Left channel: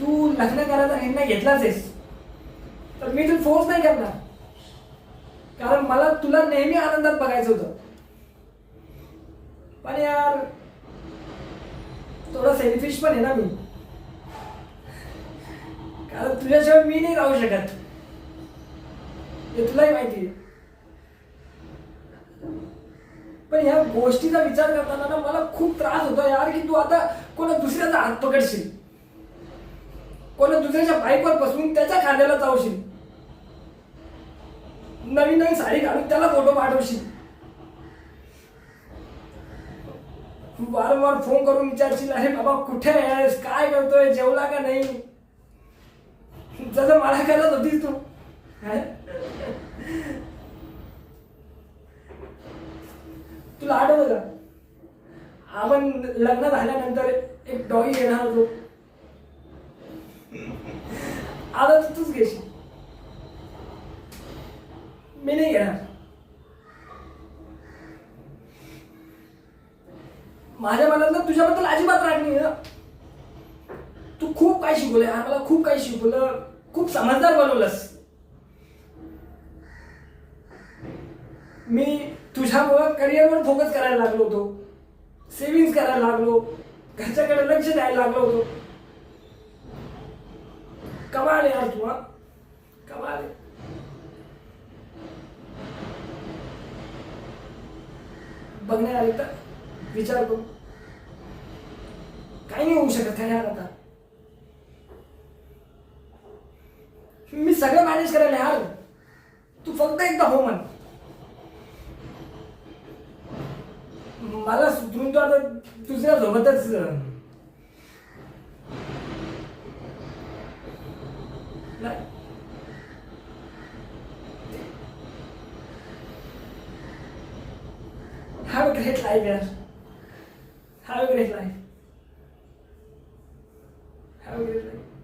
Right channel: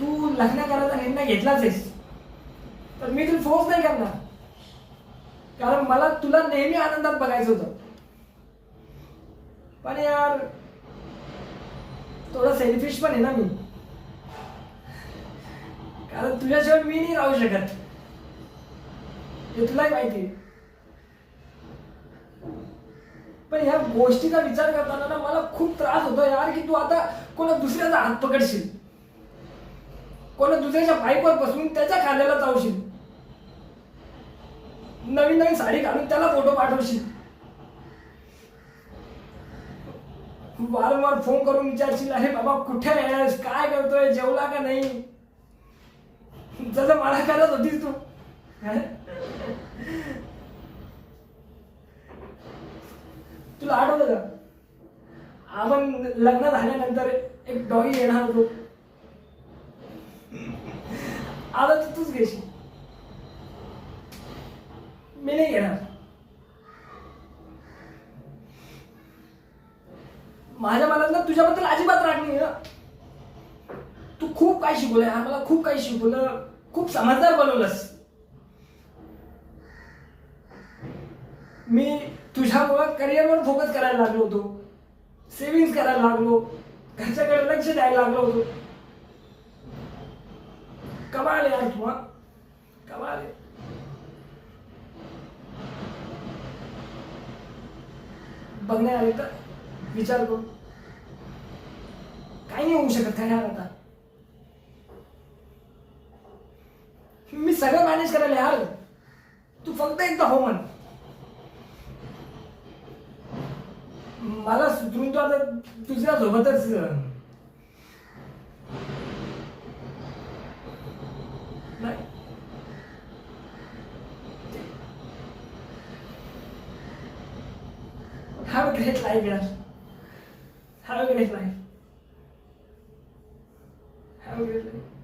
तू लग्न करायचा निर्णय घेतलाच आहेस तर मी तुला फोर्स नाही करणार, कारण मला तुला नेहमी आनंदात बघायचं होतं. पण यार थोडं सेल्फिश पण आहे ना मी, कारण तुझ्याशिवाय मी नाही राहू शकत, हे तुलाही माहिती आहे. पण ह्या गोष्टीचा विचार करताना ना मला खूप त्रास होतो यार, की तू आता कोणा दुसऱ्याचा हात पकडशील, कोणा दुसऱ्याच्या बाईकवर बसून त्याच्या खांद्याला जाऊशील, नवीन नवीन साडी घालून त्याला फोटो पाठवशील, वारंवार फोन करून विचारशील अरे बाबा कुठे आहेस, काय करतोय, जेवला का नाही, जसं मला करत होतीस तू. तुला आठवतं का आपण लग्न झाल्यानंतर एक डॉगी येणार होतो, आता तूच घेशील, मी नाही घेणार. माझ्या मनात ना तुझ्याबद्दल अजिबात राग नाही ना. तू खूप काही शिकवलंय, मला खूप काही शिकवलं, खूप समजदार बनवलंस. मी तुझ्यामुळं करिअरवर फोकस करायला लागलो होतो, सेव्हिंग्स करायला लागलो, घरच्याकडे लक्ष द्यायला लागलो होतो. कमाल यार तू, कमाल आहे. बघण्या आले तर विचार करू, काही नाही होऊ शकत का यार. आता मी सगळं मॅनेज करायला यार, तू फक्त एकदा हो म्हण. मला सुधरून तो आता तुझ्या सोबतच नाही. Have a great life, यार. Have a great life. Have a great life.